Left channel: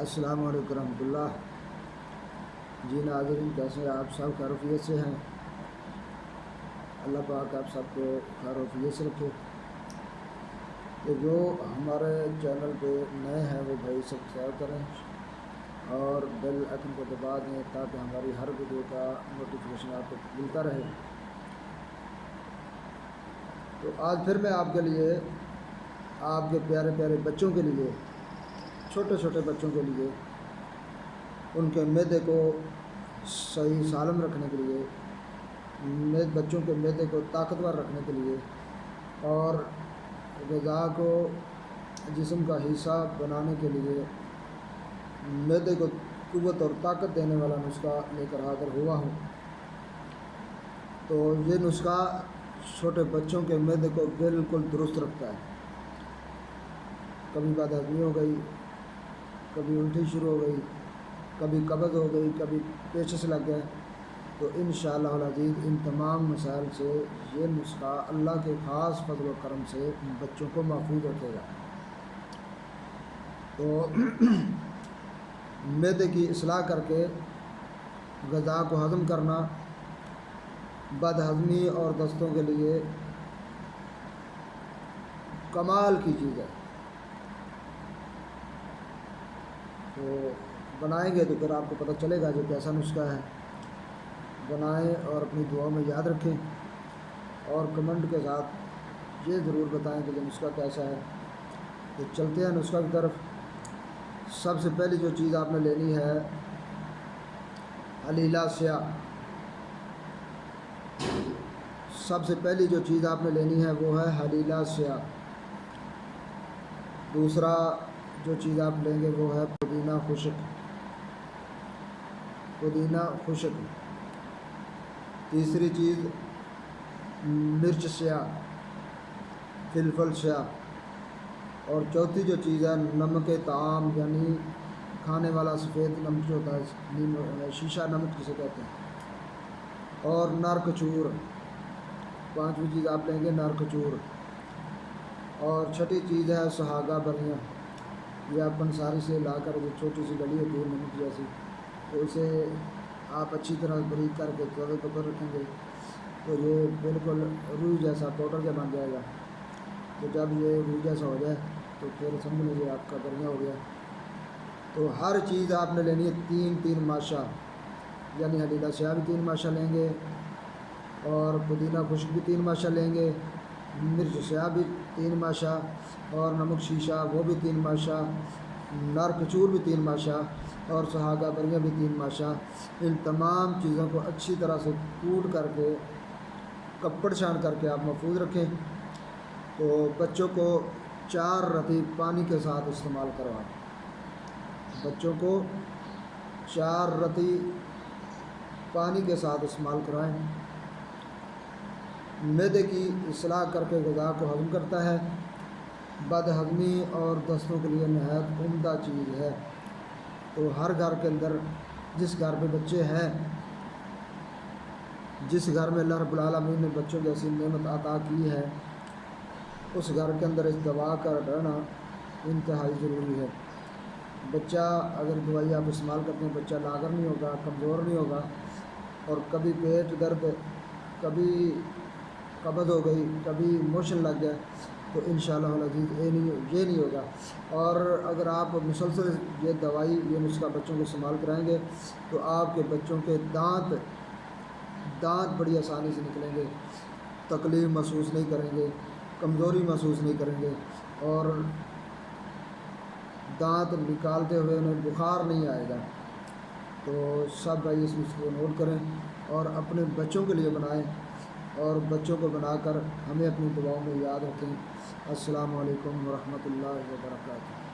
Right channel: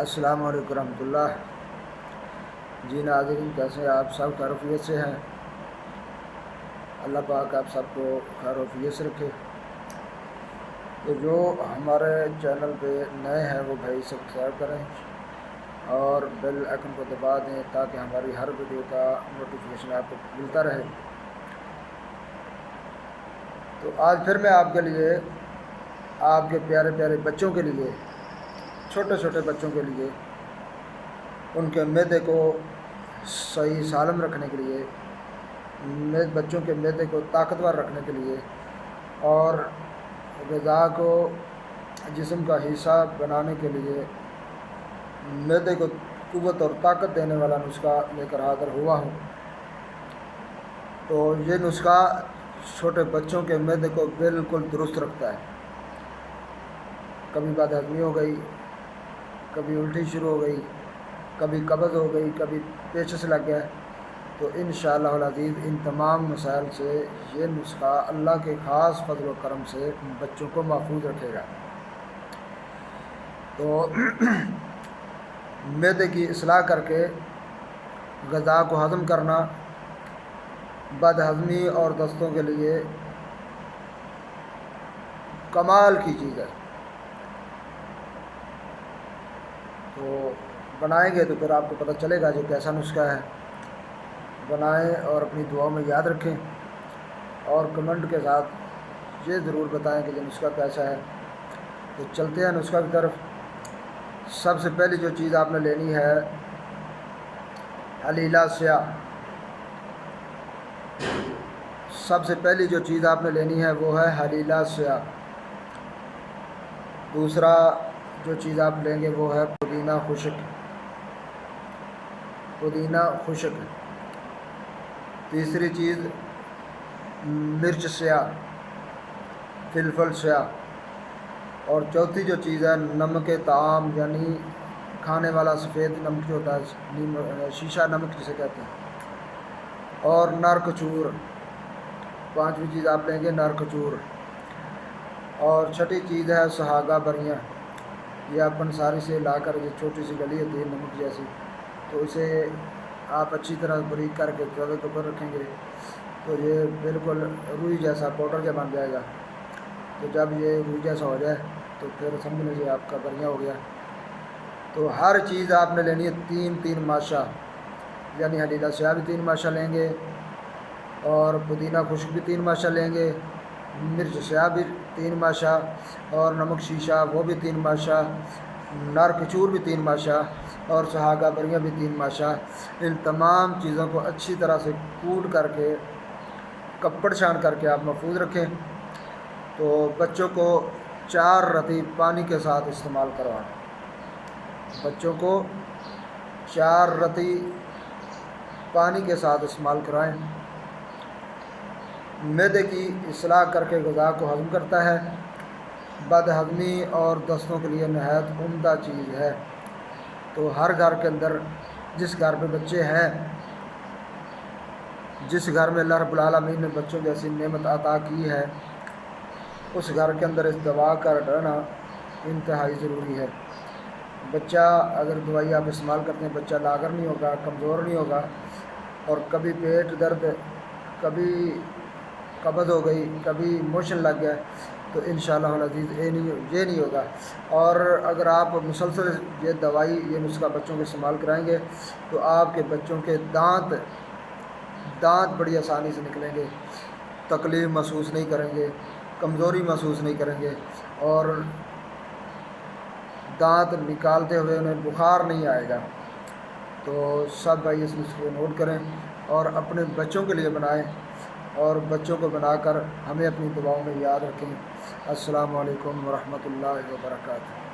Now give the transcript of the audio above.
السلام علیکم ورحمۃ اللہ۔ جی ناظرین، کیسے ہیں آپ سب؟ خیر وفیت سے ہیں؟ اللہ پاک آپ سب کو خیر وفیت سے رکھے۔ تو جو ہمارے چینل پہ نئے ہیں وہ بھائی سبسکرائب کریں اور بیل آئکن کو دبا دیں تاکہ ہماری ہر ویڈیو کا نوٹیفیکیشن آپ کو ملتا رہے۔ تو آج پھر میں آپ کے لیے، آپ کے پیارے پیارے بچوں کے لیے، چھوٹے چھوٹے بچوں کے لیے، ان کے معدے کو صحیح سالم رکھنے کے لیے، بچوں کے معدے کو طاقتور رکھنے کے لیے اور غذا کو جسم کا حصہ بنانے کے لیے معدے کو قوت اور طاقت دینے والا نسخہ لے کر حاضر ہوا ہوں۔ تو یہ نسخہ چھوٹے بچوں کے معدے کو بالکل درست رکھتا ہے۔ کبھی بد ہضمی ہو گئی، کبھی الٹی شروع ہو گئی، کبھی قبض ہو گئی، کبھی پیچس لگ گیا، تو انشاءاللہ العزیز ان تمام مسائل سے یہ نسخہ اللہ کے خاص فضل و کرم سے بچوں کو محفوظ رکھے گا۔ تو معدے کی اصلاح کر کے غذا کو ہضم کرنا بد ہضمی اور دستوں کے لیے کمال کی چیز ہے۔ تو بنائیں گے تو پھر آپ کو پتہ چلے گا جو کیسا نسخہ ہے۔ بنائیں اور اپنی دعاؤں میں یاد رکھیں اور کمنٹ کے ساتھ یہ ضرور بتائیں کہ یہ نسخہ کیسا ہے۔ تو چلتے ہیں نسخہ کی طرف۔ سب سے پہلی جو چیز آپ نے لینی ہے حلیلہ سیاہ۔ سب سے پہلی جو چیز آپ نے لینی ہے وہ ہے حلیلہ سیاہ۔ دوسرا جو چیز آپ لیں گے وہ ہے پودینہ خشک۔ پودینہ خشک۔ تیسری چیز مرچ سیاہ، فلفل سیاہ۔ اور چوتھی جو چیز ہے نمک طعام، یعنی کھانے والا سفید نمک جو ہوتا ہے، شیشہ نمک جسے کہتے ہیں، اور نر کچور۔ پانچویں چیز آپ لیں گے نر کچور۔ اور چھٹی چیز ہے سہاگا بریاں۔ یہ آپ پنساری سے لا کر، یہ چھوٹی سی گلی ہوتی ہے نمک جیسی، تو اسے آپ اچھی طرح باریک کر کے توے کے اوپر رکھیں گے تو یہ بالکل روئی جیسا پاؤڈر جب بن جائے گا۔ تو جب یہ روئی جیسا ہو جائے تو پھر سمجھ لیجیے آپ کا بریاں ہو گیا۔ تو ہر چیز آپ نے لینی ہے تین تین ماشا، یعنی حلیلہ سیاہ بھی 3 ماشا لیں گے، اور پودینہ خشک بھی 3 ماشا لیں گے، مرچ سیاہ بھی 3 ماشا، اور نمک شیشہ وہ بھی 3 ماشا، نر کچور بھی 3 ماشا، اور سہاگا بریاں بھی 3 ماشا۔ ان تمام چیزوں کو اچھی طرح سے کوٹ کر کے، کپڑ چھان کر کے آپ محفوظ رکھیں۔ تو بچوں کو 4 رتی پانی کے ساتھ استعمال کروائیں۔ بچوں کو 4 رتی پانی کے ساتھ استعمال کرائیں۔ معدے کی اصلاح کر کے غذا کو ہضم کرتا ہے، بد ہضمی اور دستوں کے لیے نہایت عمدہ چیز ہے۔ تو ہر گھر کے اندر، جس گھر میں بچے ہیں، جس گھر میں اللہ رب العالمین نے بچوں جیسی نعمت عطا کی ہے، اس گھر کے اندر اس دوا کا رہنا انتہائی ضروری ہے۔ بچہ اگر دوائی آپ استعمال کرتے ہیں، بچہ لاغر نہیں ہوگا، کمزور نہیں ہوگا، اور کبھی پیٹ درد، کبھی قبض ہو گئی، کبھی موشن لگ گیا، تو انشاءاللہ العزیز یہ نہیں ہوگا۔ اور اگر آپ مسلسل یہ دوائی، یہ نسخہ بچوں کے استعمال کرائیں گے تو آپ کے بچوں کے دانت بڑی آسانی سے نکلیں گے، تکلیف محسوس نہیں کریں گے، کمزوری محسوس نہیں کریں گے، اور دانت نکالتے ہوئے انہیں بخار نہیں آئے گا۔ تو سب بھائی اس نسخے کو نوٹ کریں اور اپنے بچوں کے لیے بنائیں، اور بچوں کو بنا کر ہمیں اپنی دعاؤں میں یاد رکھیں۔ السلام علیکم ورحمۃ اللہ وبرکاتہ۔